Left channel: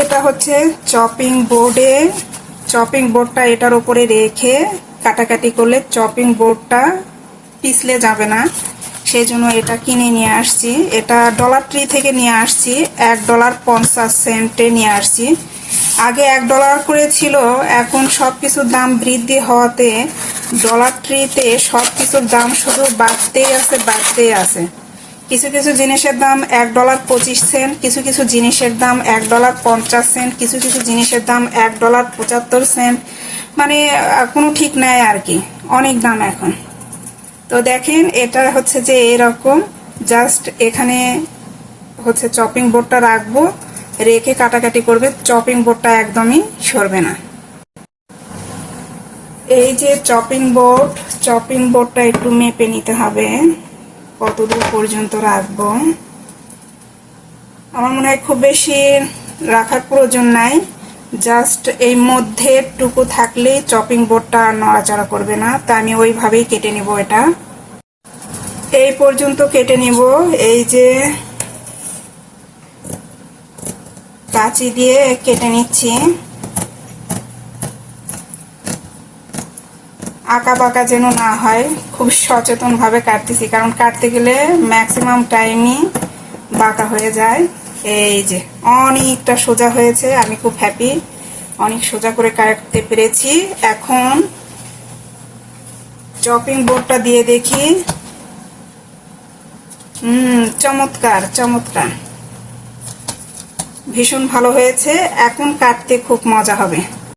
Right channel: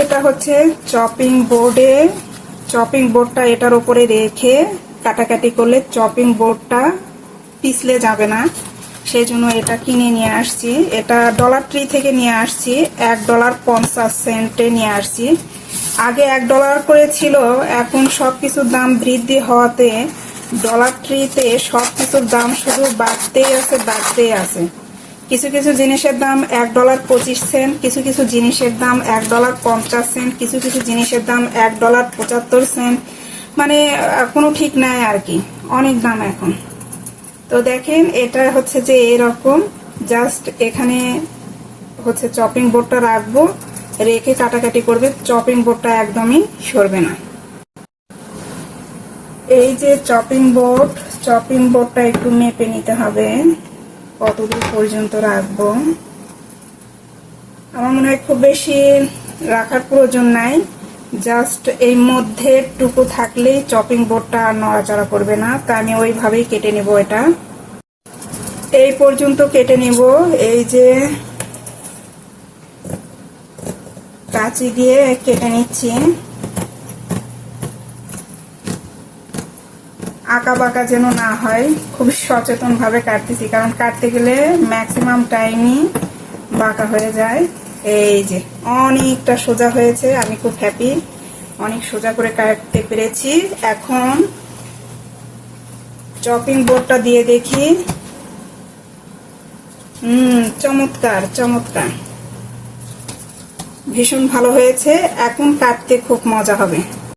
এটা হচ্ছে চপিং বোর্ডটা এটার উপরে রেখে কাটাকাটি করলে চপিং বোর্ডটা পিছলে যাবে না, সেই জন্য এটা কিনে নিয়ে আসছি। এটা ডলার ট্রি থেকে নিয়ে আসছি, $1.50 নিয়ে আসছি। আগে $1 করে ছিল, এখন সবকিছুর দাম বৃদ্ধি হওয়াতে ডলার ট্রিতে সবকিছুর দাম শুধু বাড়তেই আছে। কিছু কিছু জিনিসের দাম $1.25, কিছু কিছু জিনিসের দাম $1.50, কিছু কিছু জিনিসের দাম $1.75, মানে কোনো ঠিক নাই আর কি, অনেক দাম এখন। তো দেখেন এটা হচ্ছে যে এরকম, জাস্ট এখানে হচ্ছে চপিং বোর্ডটা রাখবো, রেখে কাটাকাটি করবে, চপিং বোর্ডটা একদমই সরবে না। এই যে চপিং বোর্ডটা একটু মেপে নিতে হবে কতদূর পর্যন্ত রাখবো। আমার মনে হয় খুব বেশি রাখার প্রয়োজন নাই, জাস্ট এই মধ্যে টুকু থাকলেই চপিং বোর্ডটা নড়াচড়া করবে না। তা আমি ওইভাবেই কেটে নিব, এটা এই পর্যন্ত কেটে নিব। এই যে কাঁচি দিয়ে কেটে নিচ্ছি, আঁকা বাঁকা যেন না হয়, খুব সচেতন ভাবে কাটতেছি, কারণ কাটতে গেলে ম্যাক্সিমাম টাইমই বাঁকা হয়ে যায়। এই যে অনেকটা সোজা হয়েছে, আমি খুব হ্যাপি, অনেক সোজা করে কাটতে পেরেছি। এখন চপিং বোর্ডটা দিয়ে দেখি। চমৎকার, ভীষণ ভালো হয়েছে। এখন কাটতে খুব মজা হবে।